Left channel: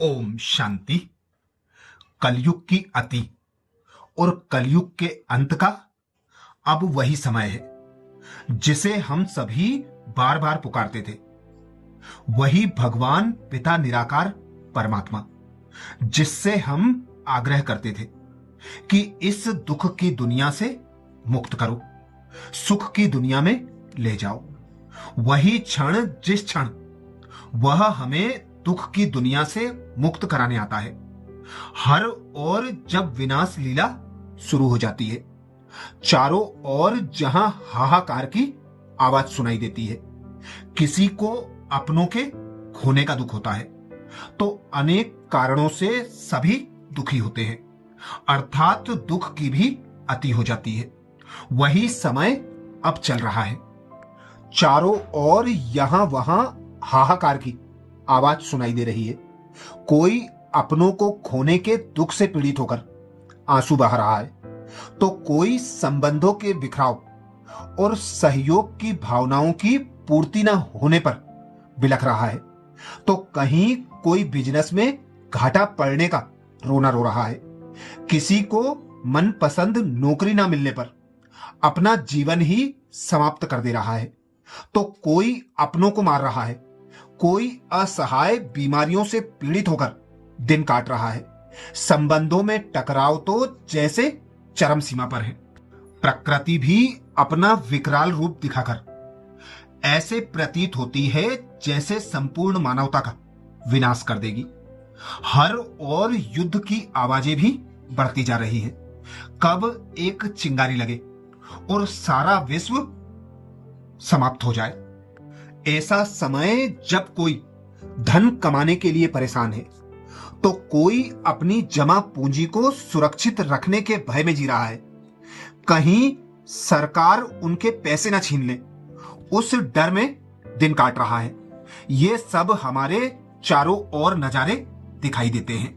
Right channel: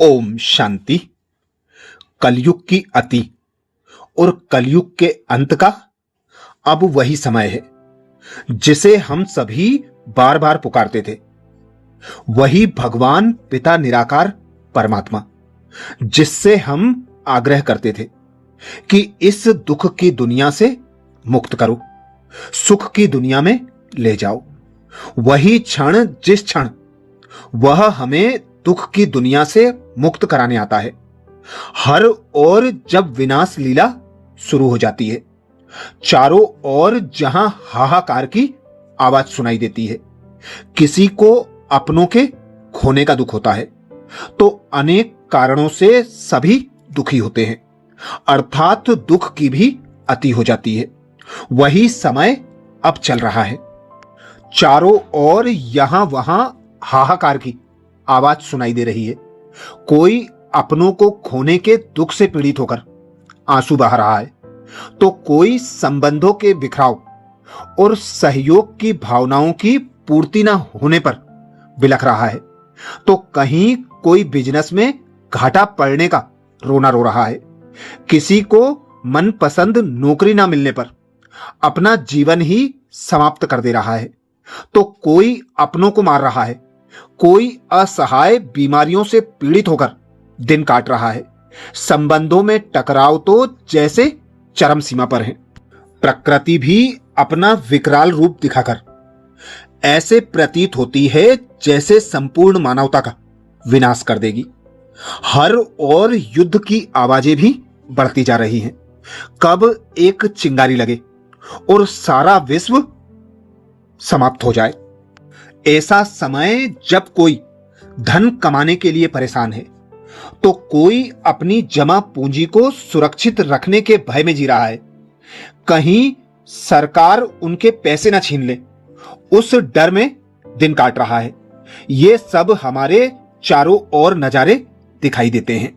ओम शांति। कलयुग की अति और कलयुग के अंत का अब वही समय है जिसे हम सभी बार बार पुकारते थे। वही भगवान पिता निराकार परमात्मा जिससे हम आग्रह करते थे कि इस दुख की दुनिया से मुक्त करो, सुख की दुनिया में ले जाओ। वही क्षण जिस क्षण वह हमें दुख की दुनिया से मुक्त कराने आता है, हर ओर जब विनाश लीला शुरू हो जाती है, चारों ओर जहां हाहाकार की आवाज सुनाई देती है, किसी को अपनों के खोने का दुख होता है तो अनेक कारणों से सभी दुखी होते हैं, अर्थात दुख की भी अति हो जाती है। वही समय अब चल रहा है। चारों ओर यहां वहां हाहाकार की आवाज सुनाई दे रही है। कोई अपनों को खोने के दुख से पीड़ित होकर आंसू बहा रहा है तो कोई संबंधों के बिखराव और सहयोग की भावनाओं की पूर्ति न होने पर बिलख रहा है, तो कहीं कोई बिजनेस में घाटा पड़ने का रोना रो रहा है। किसी को मनपसंद नौकरी ना मिलने पर अपना जीवन ही समाप्त कर दे रहा है, तो कोई अपनों को मार रहा है, कोई असहाय बीमारियों से पीड़ित होकर दिन काट रहा है। संबंधों में टकराव तो जैसे चरम सीमा पर है। प्रकृति भी अपना विकराल रूप दिखाकर ऐसे प्रतीत होती है जैसे संपूर्ण मानवता का विनाश कर देगी। हर ओर युद्ध की आवाजें भी बढ़ती जा रही हैं। कब एक चिंगारी लगे और सारा विश्व समाप्त हो जाए। ऐसा समय जब कोई धन कमाने के लिए परेशान है तो कोई अपनी जमा पूंजी को सुरक्षित रखने के भय में जी रहा है, कहीं सरकार उनके पैसे न छीन ले उस डर में दिन काट रहा है। ये सब हमारे चारों ओर नजारे दिखाई देते हैं।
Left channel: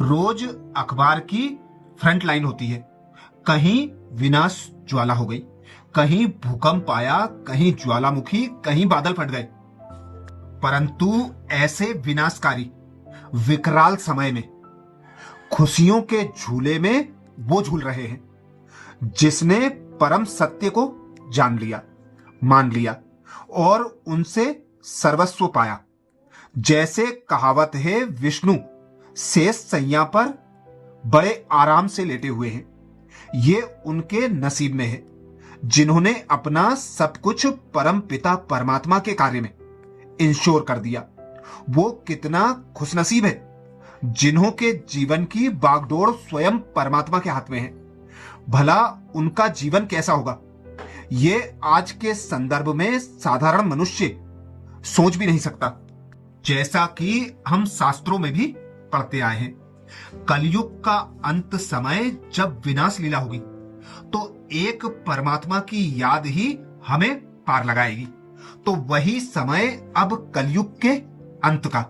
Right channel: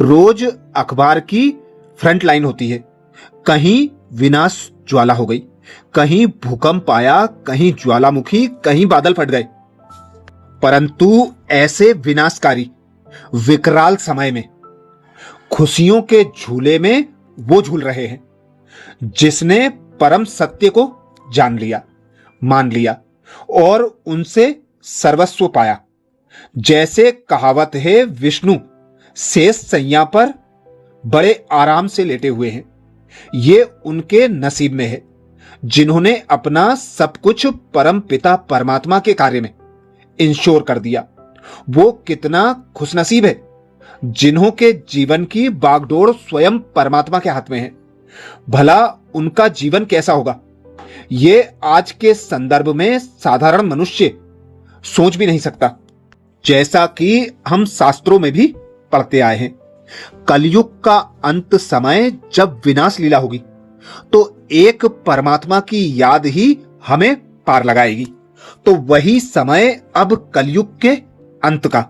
रोज अखबार की फ्रंट लाइन होती है, कहीं विनाश ज्वाला हो गई, कहीं भूकंप आया, कहीं ज्वालामुखी, कहीं बादल फट गए। परंतु ऐसे विनाशकारी विकराल समय में खुशियों के झूले में वो झूल रहे हैं जिसने परम सत्य को जान लिया, मान लिया और उनसे सर्वस्व पाया। जैसे कहावत है, विष्णु शेष सैया पर बड़े आराम से लेटे हुए हैं। ये उनके नसीब में है जिन्होंने अपना सब कुछ परम पिता परमात्मा के कार्य में इंश्योर कर दिया। वो कितना खुशनसीब है जिन्हों के जीवन की बागडोर स्वयं परमात्मा के हाथ में है। भला उनका जीवन कैसा होगा, ये आज के संदर्भ में साधारण मनुष्य सोच भी नहीं सकता। जैसा कि हम शास्त्रों में भी पढ़ते आए हैं, कलयुग का अंत समय जब विनाश लीला होगी तो एक परमात्मा की याद ही हमें पार लगाएगी। तो वही समय अब कलयुग के अंत का,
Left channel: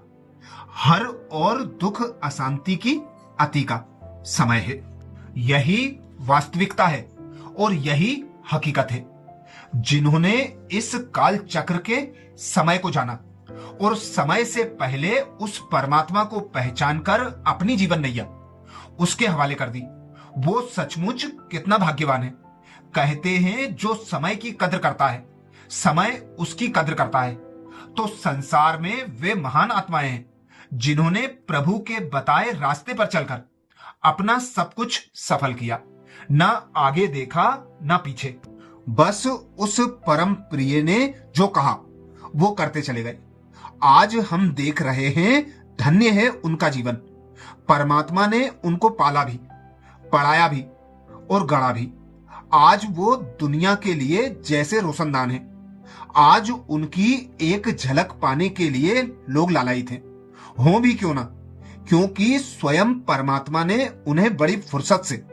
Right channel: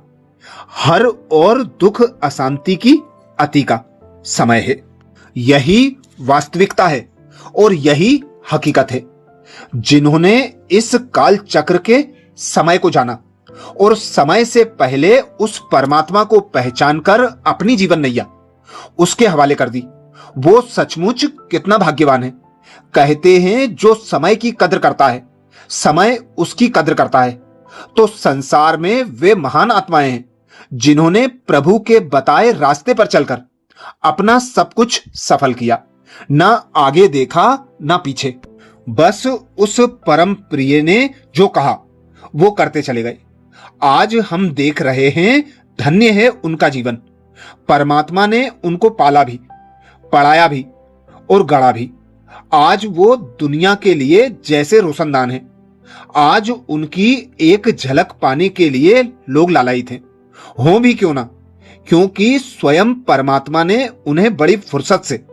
हर और दुख अशांति की अति का समय है। यही वास्तविकता है और यही हकीकत है। जिन्होंने इस काल चक्र के समय को जाना और समय से पहले उस परमात्मा को पहचान कर अपनी जीवन नैया उसके हवाले कर दी, वो सचमुच कितना भाग्यवान है। कहते हैं जो समय की कद्र करता है, समय उसकी कद्र करता है। तो संसार में वे महान आत्माएं हैं जिन्होंने प्रभु के बताए रास्ते पर चलकर अपना सब कुछ सफल किया, ना आगे देखा ना पीछे। बस उस परम प्रिय ने जो कहा वो करते चले गए। आज हम देख रहे हैं, धन्य है उनका जीवन। परमात्मा ने उनको पाला भी, पढ़ाया भी और गढ़ा भी। आज वो दुनिया के लिए जैसे रोशनदान है। आज उनकी एक झलक पाने के लिए लोग लालायित हैं, हो भी क्यों ना, क्योंकि स्वयं परमात्मा ने उन्हें बड़ी फुर्सत से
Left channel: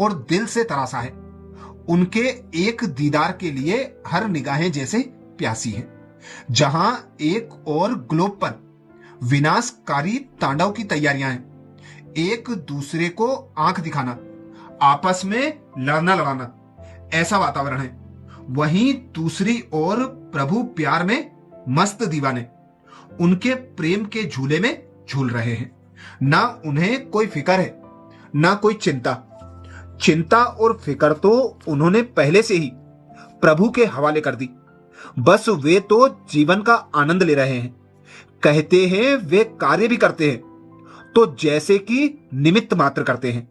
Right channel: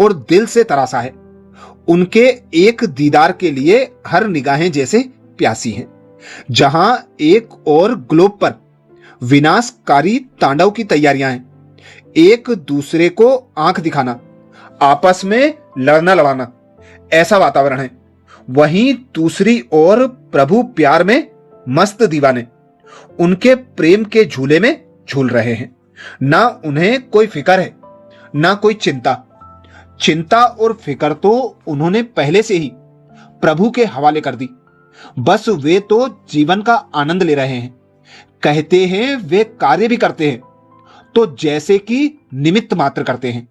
और दिल से तराशा है। उनके एक दीदार के लिए हर निगाहें जैसे प्यासी हैं। जहां एक और ग्लोब पर विनाशकारी तांडव की तैयारियां हैं, एक दूसरे को आंख दिखाना, आपस में लड़ना लड़ाना, ऐसा वातावरण है। वहीं दूसरी ओर प्रभु प्यार में मस्त दीवाने उनके प्रेम के झूले में झूल रहे हैं, ना उन्हें कोई फिक्र है, ना कोई चिंता। चिंता और फिक्र तो उन्होंने पहले से ही प्रभु के हवाले कर दी। बस वे तो जीवन का आनंद ले रहे हैं। कहते हैं वे कार्य भी करते हैं तो जैसे कि निमित्त मात्र करते हैं।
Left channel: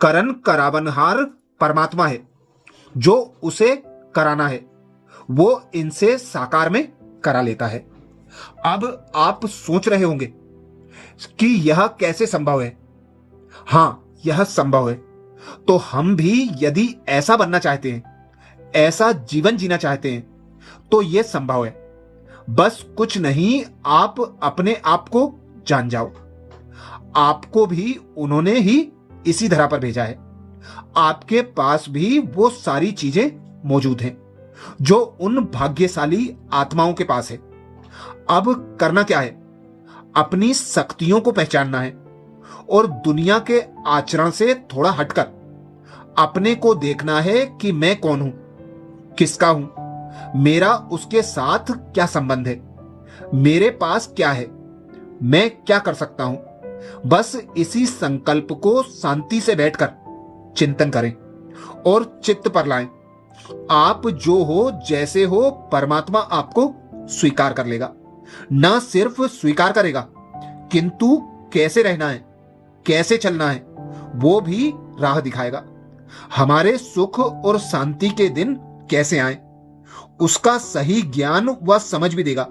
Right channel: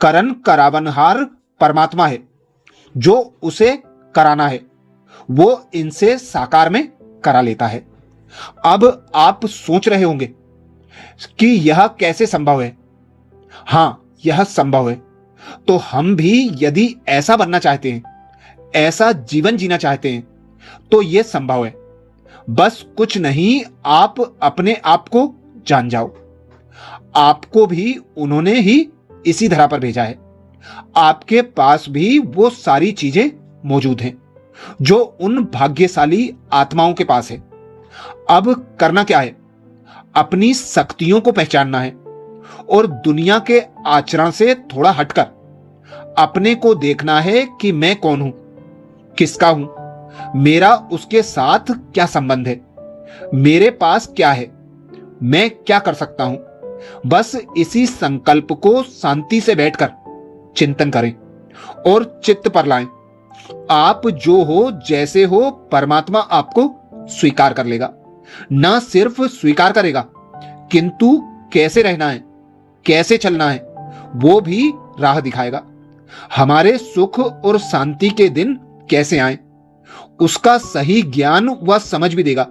करन करावनहार परमात्मा है, जो उसे कराना है वो इनसे साकार में करा लेता है। अब आप सोच रहे होंगे कि यह कैसे संभव है। हां, यह संभव है। तो हम भी यदि ऐसा बनना चाहते हैं, ऐसा जीवन जीना चाहते हैं, तो यह संभव है। बस कुछ नहीं, आप अपने आप को जान जाओ। आपको भी उन्होंने ही इसी धरा पर भेजा है। आपके पास भी वो सारी चीजें मौजूद हैं जो उन भाग्यशाली आत्माओं के पास है। अब करना क्या है? अपनी शक्तियों को पहचानना है और दुनिया के आचरण से थोड़ा हटकर अपने को देखना है कि मैं कौन हूं, किसका हूं, मेरा उसके साथ क्या संबंध है, मेरे पास क्या है, मैं क्या कर सकता हूं। बस इसी संकल्प को शांति से बैठकर चिंतन करें और चित्त पर लाएं। आप जो हो, जैसे हो, परमात्मा आपको स्वीकार कर लेगा। ना सिर्फ स्वीकार करेगा, किंतु कैसे रहना है, कैसे चलना है, वो भी राह दिखाएगा। हमारे सुख और शांति के दिन कैसे आए, उसका सही ज्ञान व समझ भी देगा।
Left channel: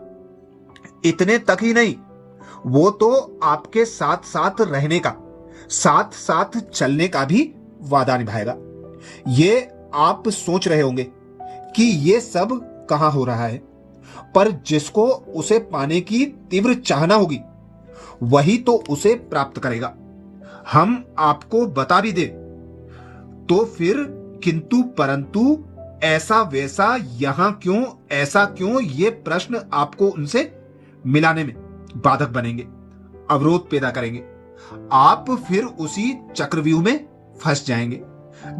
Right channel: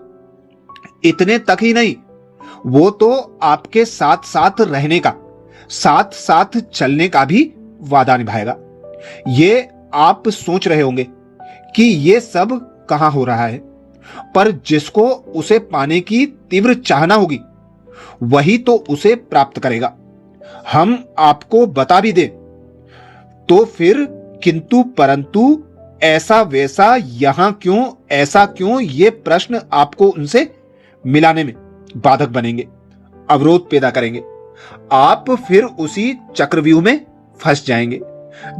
इतने तक ही नहीं, वो तो आपके साथ साथ रहने का, साथ साथ चलने का भी वादा निभाएगा। ये आप सोच रहे होंगे कि ये सब कहां हो रहा है, पर जिसको उसे पाने की तीव्र चाहना होगी वही तो उसे प्राप्त करेगा। हम आपको बता भी दे तो फिर किंतु परंतु, ऐसा वैसा, यहां क्यों, ऐसा क्यों, ये प्रश्न आपको उनसे मिलाने में बाधक बनेंगे, अवरोध पैदा करेंगे। आप फिर उसी चक्रव्यूह में फंस जाएंगे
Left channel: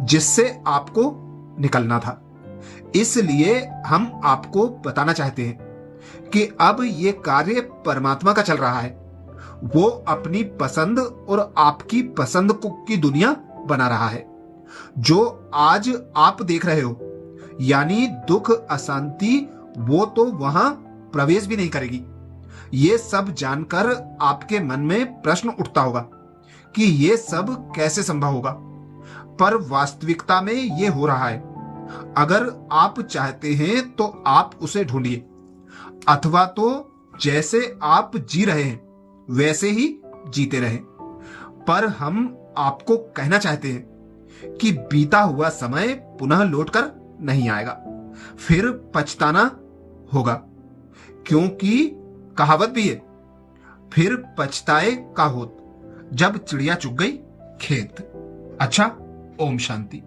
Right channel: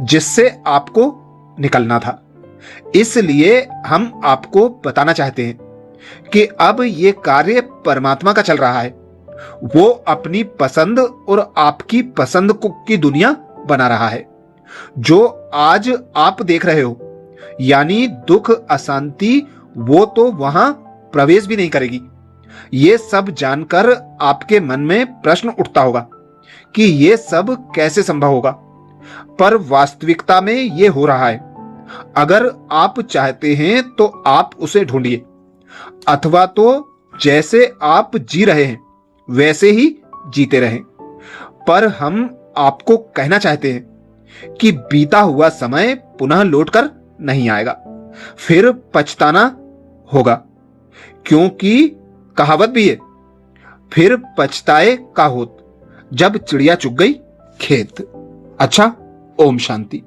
जिससे आपको निकलना था। इसलिए हम आपको बताना चाहते हैं कि अब ये कार्य परमात्मा का चल रहा है। वो अपनी पसंद और आपकी पसंद की दुनिया बना रहा है। जो आज आप देख रहे हो, यानी दुख, अशांति, वो तो वहां प्रवेश भी नहीं करेगी। ये सब जानकर आपके मन में प्रश्न उठता होगा कि ये सब कैसे संभव होगा, पर वास्तविकता में ये हो रहा है। अगर आप चाहते हैं तो आप उसे ढूंढिए, अथवा तो जैसे आप जी रहे हैं वैसे ही जीते रहें। पर हम आपको कहना चाहते हैं कि बीता हुआ समय पुनः लौटकर नहीं आएगा, फिर पछताना होगा, क्योंकि कहावत भी है, फिर पछताए का होत, जब चिड़िया चुग गई खेत। अच्छा, ओम शांति।